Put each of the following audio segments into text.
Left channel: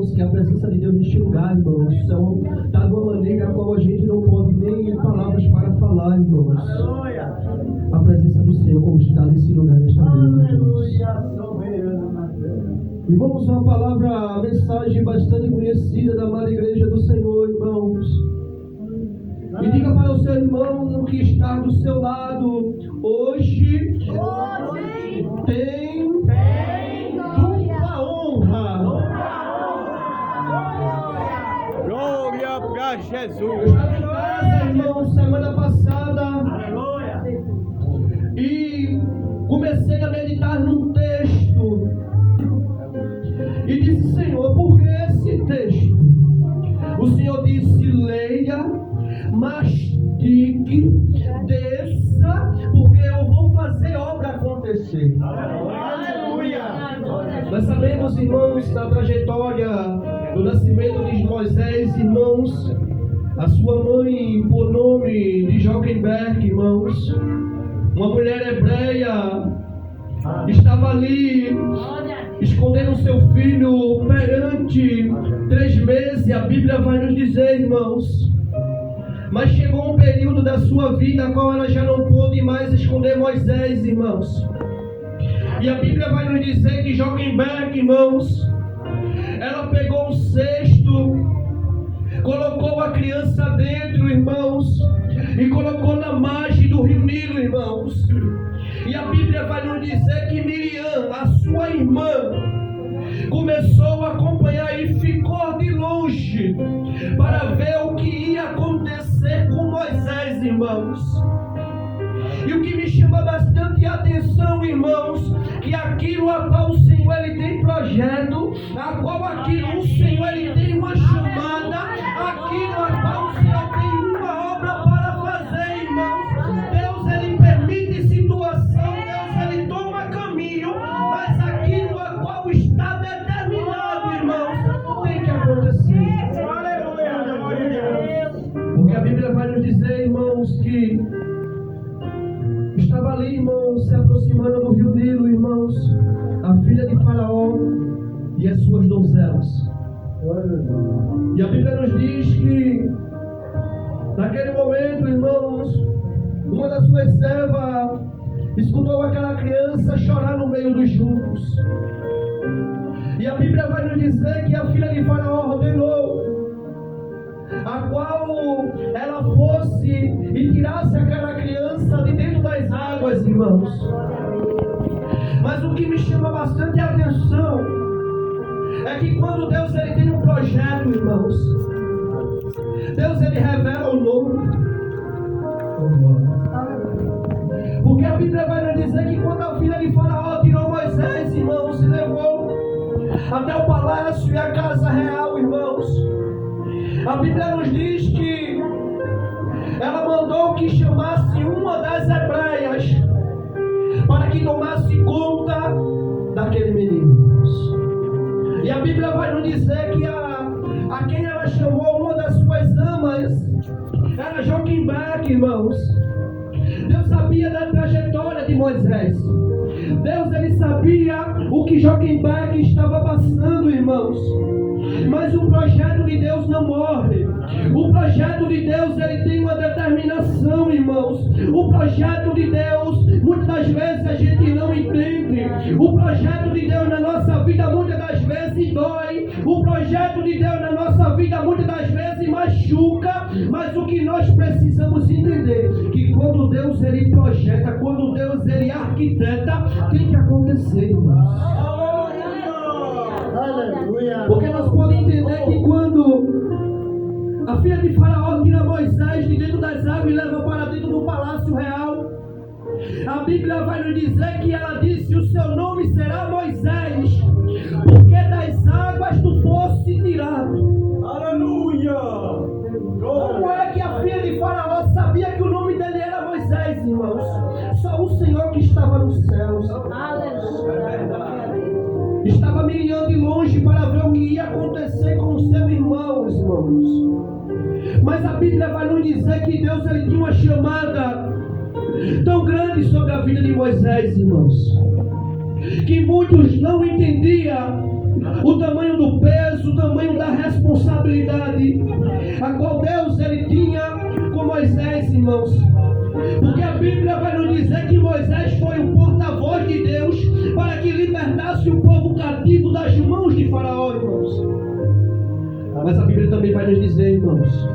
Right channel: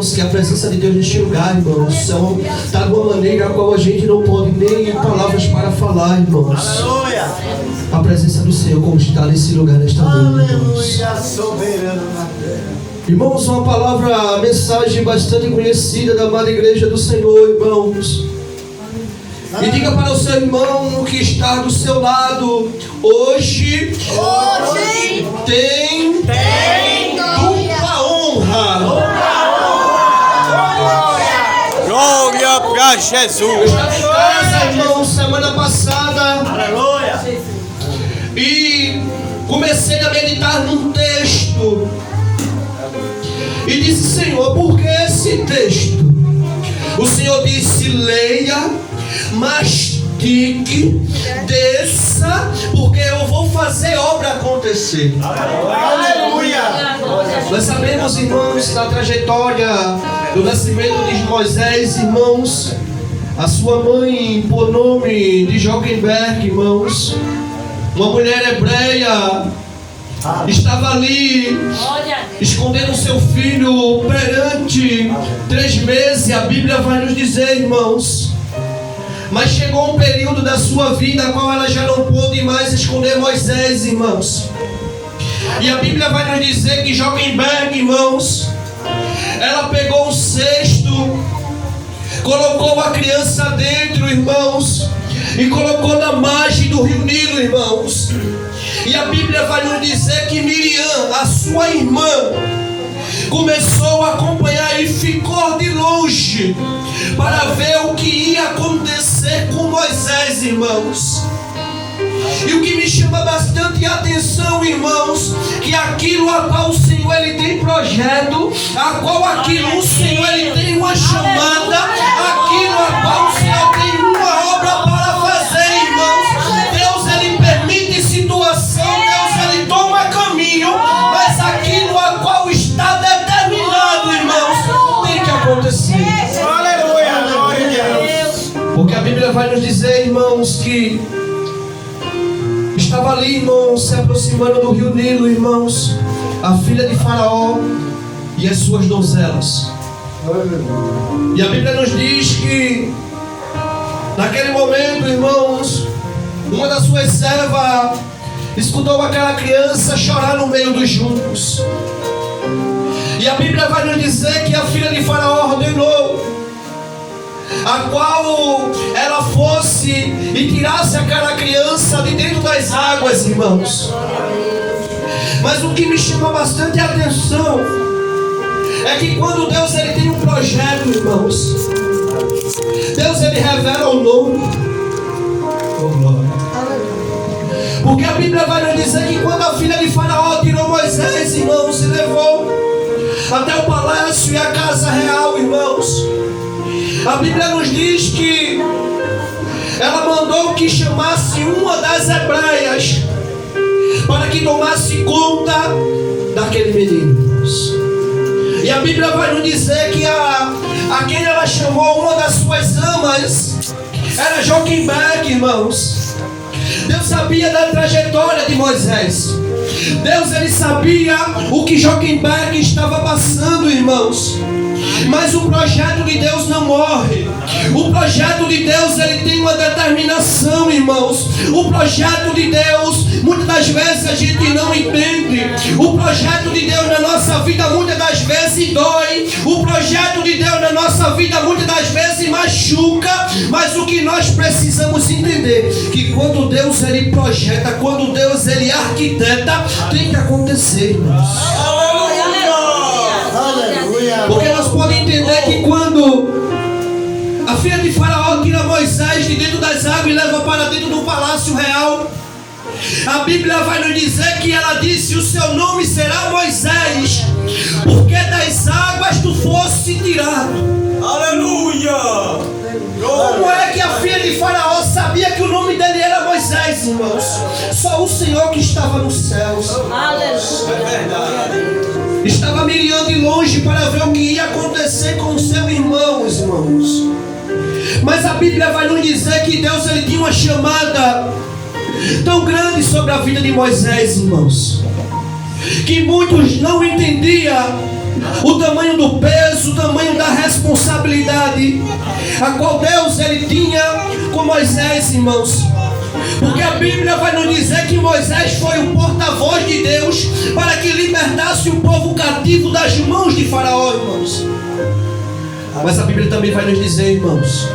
irmãos, que a presença de Deus neste lugar, irmãos, está de uma maneira a qual a gente não pode nem palavras para falar, irmãos. Aleluia. A presença do Senhor como está nesse lugar nesta noite, irmãos. Aleluia, soberano na terra. Irmãos, uma palavra, mensagem bastante conhecida da amada igreja do Senhor, irmãos. E diga para o seu irmão que está do seu lado: hoje tem dupla honra. Glória para Jesus. Eu estava em casa, irmão, semana passada. Aleluia. E comecei a meditar num texto. E disse: Senhor, por que esse texto? O Senhor disse: leia, mastique, desça, porque eu vou fazer obra acontecer. Aleluia. Nós sabemos, irmãos, da trajetória do nascimento de Moisés, irmãos. A sua mãe, por nome de Joquemberg, irmãos, uma mulher hebreia, estava ali escondendo seu filho perante 3 meses. A Bíblia vai nos dizer, irmãos. Mas chegou um período da sua vida a qual ela já não pôde mais esconder Moisés, irmãos. E a Bíblia vai nos dizer que Joquemberg, irmãos, ela pegou um cesto, colocou a criança dentro, irmãos, e colocou na margem do rio Nilo, irmãos. E a Bíblia vai nos dizer que Miriam, a sua irmã, começou a acompanhar e ficou de longe para ver o que ia acontecer com Moisés, irmãos. E o que me chama bastante atenção, irmãos, que aquilo a qual o Senhor ele tem projeto, a qual aquilo o Senhor ele tem uma chamada, aquilo a qual o Senhor tem uma obra para fazer, irmãos. Deus ele permite situação, Deus ele toma caminho, mas aquilo a qual está determinado, irmãos, tem que acontecer. Aleluia. Glória a Deus. Porque a Bíblia vai nos dizer, irmãos, que estava ali, irmãos, se aproximando do rio Nilo, irmãos, a filha de Faraó e as suas donzelas. E a Bíblia nos diz que naquele momento, irmãos, uma das suas servas escutou aquela criança chorar no meio dos juncos. E a Bíblia vai nos dizer que a filha de Faraó ordenou a qual ela fosse e tirasse aquela criança de dentro das águas, irmãos. Mas o que me chama bastante atenção é que quando Deus ele tem um projeto, irmãos, Deus ele revela o nome. Oh, glória. Porque a Bíblia vai nos dizer que quando a filha de Faraó tirou Moisés, irmãos, e levou até o palácio e a casa real, irmãos, a Bíblia nos diz que ela mandou que chamasse uma das hebreias para que tomasse conta daquele menino, irmãos. E a Bíblia vai nos dizer que a quem ela chamou uma das suas amas era Joquemberg, irmãos. Deus sabia da trajetória de Moisés. Deus ele sabia o que Joquemberg estava passando, irmãos. Mas o projeto de Deus não morre. O projeto de Deus ele tem uma determinação, irmãos. O projeto de Deus, muitas das vezes a gente não entende. O projeto de Deus na nossa vida muitas das vezes dói. O projeto de Deus na nossa vida muitas das vezes machuca. Mas o que nós precisamos entender, que quando Deus ele projeta, quando Deus ele arquiteta, tem que acontecer, irmãos. Porque nós podemos entender que quando a filha de Faraó tira Moisés de dentro das águas e leva para dentro do palácio real, a Bíblia vai nos dizer que ela disse: o seu nome será Moisés, porque das águas tu fosse tirado. Aleluia! Como é que a filha de Faraó sabia que o nome dele era Moisés, irmãos? Só o Senhor que estava nos céus. Aleluia! É verdade. Estava Miriam de longe para ver o que ia acontecer com o seu irmão, irmãos. Mas a Bíblia vai nos dizer que Deus ele tinha uma chamada tão grande sobre a vida de Moisés, irmãos, que muitos não entendiam o tamanho do peso, o tamanho a qual Deus ele tinha com Moisés, irmãos. Porque a Bíblia vai nos dizer que Moisés foi o porta-voz de Deus para que libertasse o povo cativo das mãos de Faraó, irmãos. Mas a Bíblia também vai nos dizer, irmãos,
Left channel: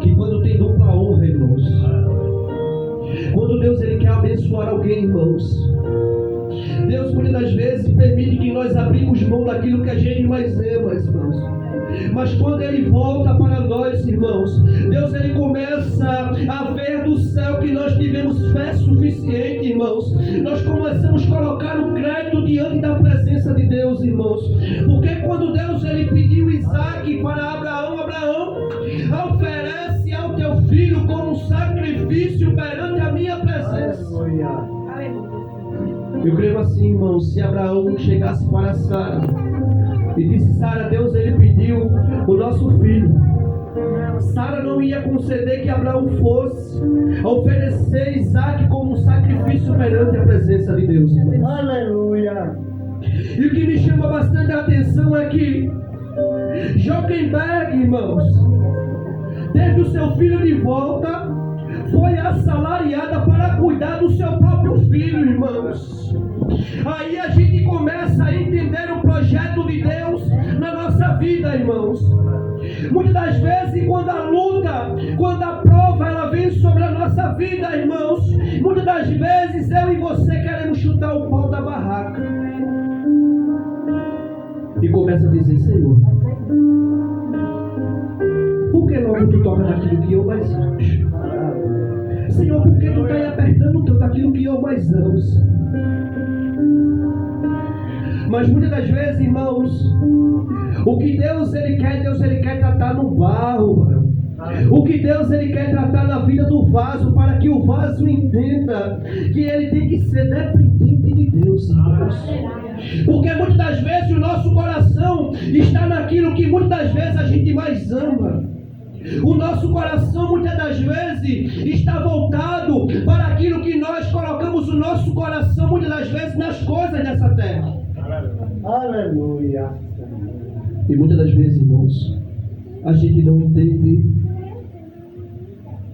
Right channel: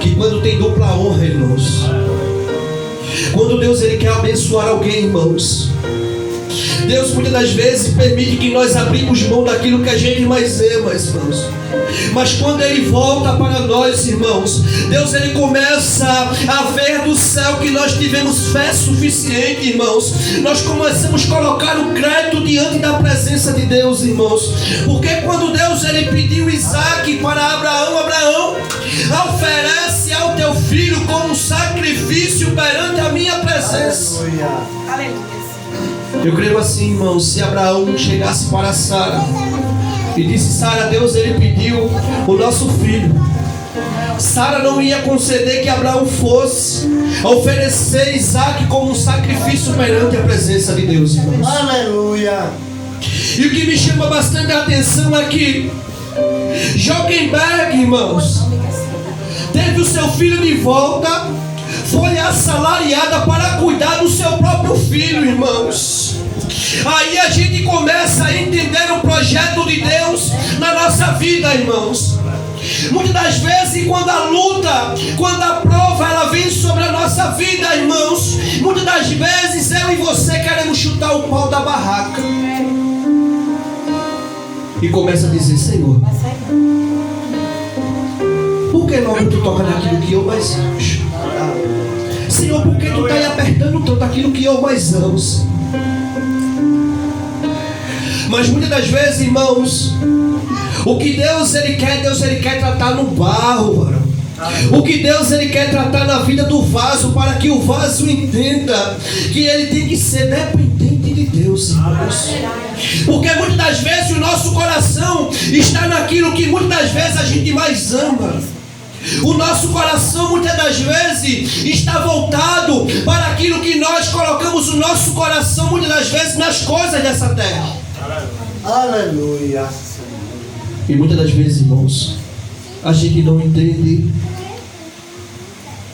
que quando tem dupla honra, irmãos, quando Deus ele quer abençoar alguém, irmãos, Deus muitas das vezes permite que nós abrimos mão daquilo que a gente mais ama, irmãos. Mas quando ele volta para nós, irmãos, Deus ele começa a ver do céu que nós tivemos fé suficiente, irmãos. Nós começamos a colocar o crédito diante da presença de Deus, irmãos. Porque quando Deus ele pediu Isaac para Abraão, Abraão, oferece ao teu filho como sacrifício perante a minha presença. Eu creio assim, irmãos, se Abraão chegasse para Sara e disse: Sara, Deus ele pediu o nosso filho, Sara não ia conceder que Abraão fosse oferecer Isaac como um sacrifício perante a presença de Deus, irmãos. Aleluia. E o que me chama bastante a atenção é que Joquebed, irmãos, teve o seu filho de volta, foi assalariada para cuidar do seu próprio filho, irmãos. Aí a gente começa a entender o projeto de Deus na nossa vida, irmãos. Muitas das vezes, quando a luta, quando a prova, ela vem sobre a nossa vida, irmãos, muitas das vezes eu e você queremos chutar o pau da barraca e começa a dizer: Senhor, por que logo tu toca naquilo que eu mais acho? Senhor, por que tu está aí apertando tanto aquilo que eu mais amo? Mas muitas das vezes, irmãos, o que Deus ele quer tratar no barro, mano. O que Deus ele quer tratar na vida do vaso, para que o vaso entenda que ele tem que ser dependente de Deus, irmãos. Porque muitas das vezes o nosso coração está naquilo que muitas das vezes a gente mais ama. O nosso coração muitas das vezes está voltado para aquilo que nós colocamos o nosso coração muitas das vezes nas coisas dessa terra. Aleluia. E muitas das vezes, irmãos, a gente não entende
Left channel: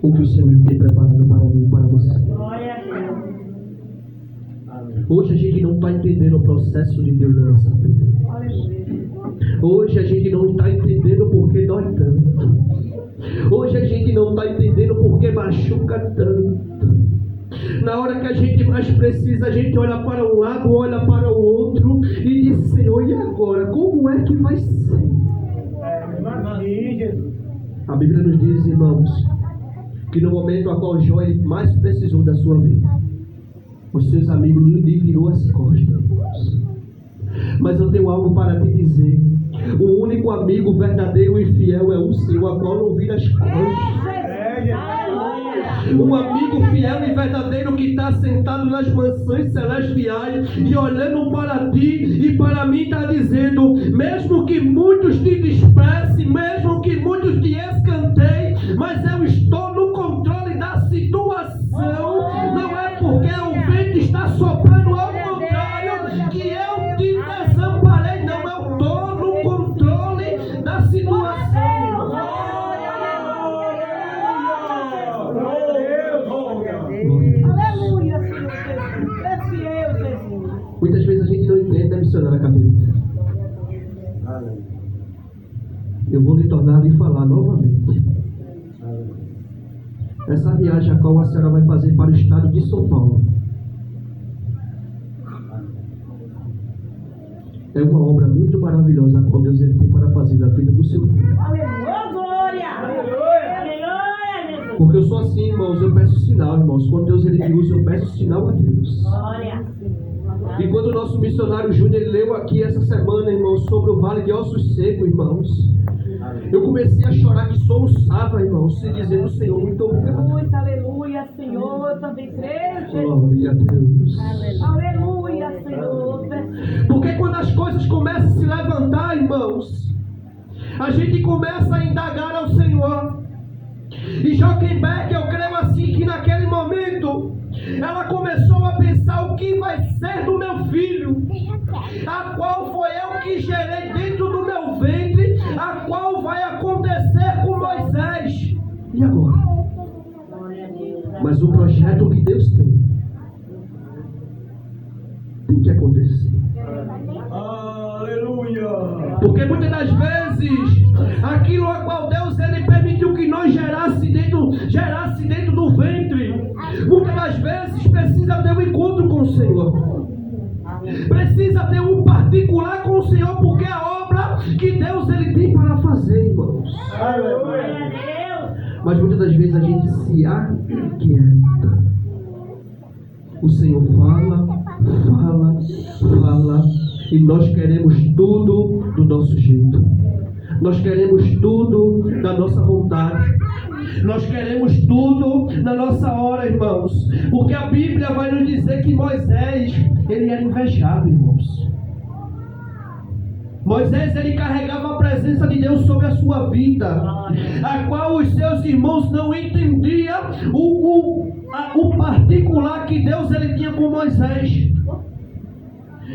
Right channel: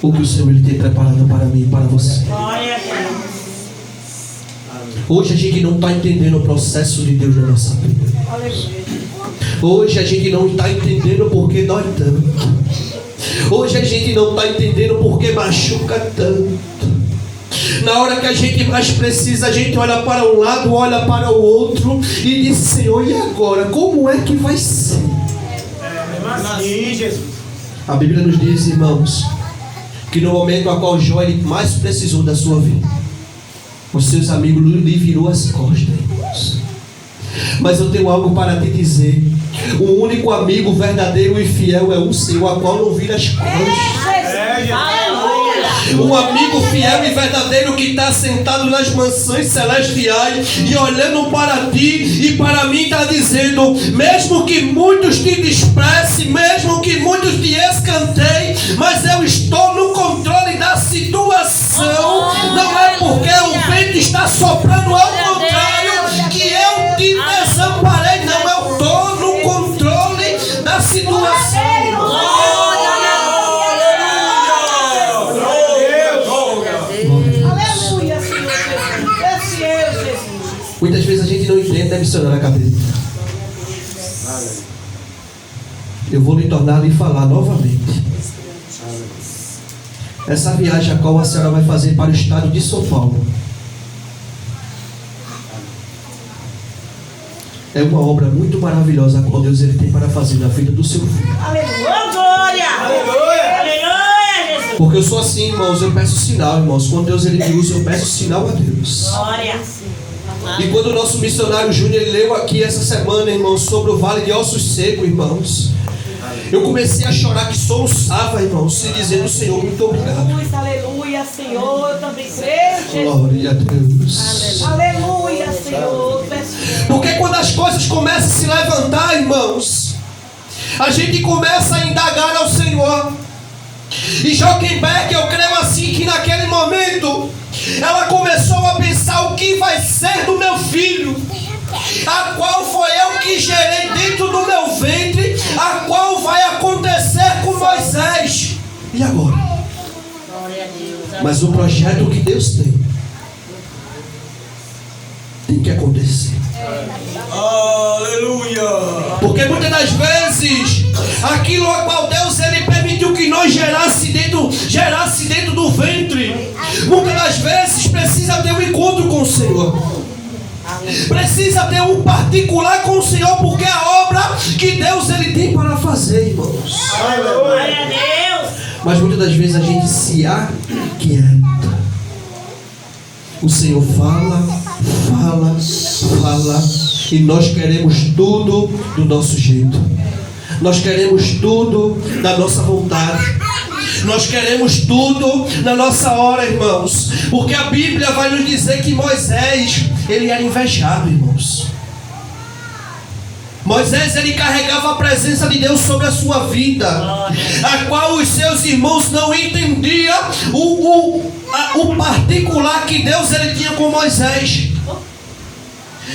o que o Senhor ele tem preparado para mim e para você. Hoje a gente não está entendendo o processo de Deus na nossa vida. Hoje a gente não está entendendo porque dói tanto. Hoje a gente não está entendendo porque machuca tanto. Na hora que a gente mais precisa, a gente olha para um lado, olha para o outro e diz: Senhor, e agora? Como é que vai ser? A Bíblia nos diz, irmãos, que no momento a qual Jó ele mais precisou da sua vida, os seus amigos lhe virou as costas, irmãos. Mas eu tenho algo para te dizer: o único amigo verdadeiro e fiel é o Senhor, a qual não vira as costas. Um amigo fiel e verdadeiro que está sentado nas mansões celestiais e olhando para ti e para mim está dizendo: mesmo que muitos te desprezem, mesmo que muitos te escanteiem, mas eu estou no controle da situação. Não é porque o vento está soprando, ao contrário, que eu te desamparei. Não, eu estou no controle da situação. Muitas vezes a gente não entende, missionário, na cabeça. Eu vou lhe tornar e falar novamente. Essa viagem a qual a senhora vai fazer para o estado de São Paulo é uma obra muito maravilhosa a qual Deus ele tem para fazer na vida do seu filho. Aleluia! Aleluia, Jesus! Porque eu sou assim, irmãos, eu peço sinal, irmãos. Quando Deus ele me usa, eu peço sinal a Deus. Glória! E quando o nosso missionário Júnior ele leu aqui essa semana, irmãos, sobre o vale de ossos secos, irmãos, eu comecei a chorar que soluçava, irmãos, e dizendo: Senhor, muito obrigado. Aleluia, Senhor, eu também creio, Jesus. Glória a Deus. Aleluia, Senhor. Porque quando as coisas começam a se levantar, irmãos, a gente começa a indagar ao Senhor. E Joquebed, eu creio assim que naquele momento ela começou a pensar: o que vai ser do meu filho, a qual foi eu que gerei dentro do meu ventre, a qual vai acontecer crescer. Aleluia. Porque muitas das vezes, aquilo a qual Deus ele permitiu que nós gerasse dentro do ventre, muitas das vezes precisa ter um encontro com o Senhor. Precisa ter um particular com o Senhor, porque é a obra que Deus ele tem para fazer, irmãos. Glória a Deus. Mas muitas das vezes a gente se aquieta. O Senhor fala, e nós queremos tudo do nosso jeito. Nós queremos tudo da nossa vontade. Nós queremos tudo na nossa hora, irmãos. Porque a Bíblia vai nos dizer que Moisés, ele era invejado, irmãos. Moisés, ele carregava a presença de Deus sobre a sua vida, a qual os seus irmãos não entendiam o particular que Deus ele tinha com Moisés.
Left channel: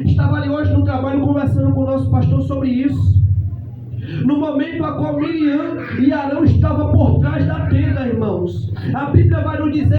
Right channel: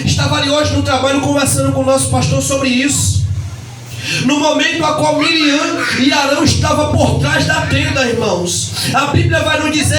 Estava ali hoje no trabalho conversando com o nosso pastor sobre isso. No momento a qual Miriam e Arão estavam por trás da tenda, irmãos, a Bíblia vai nos dizer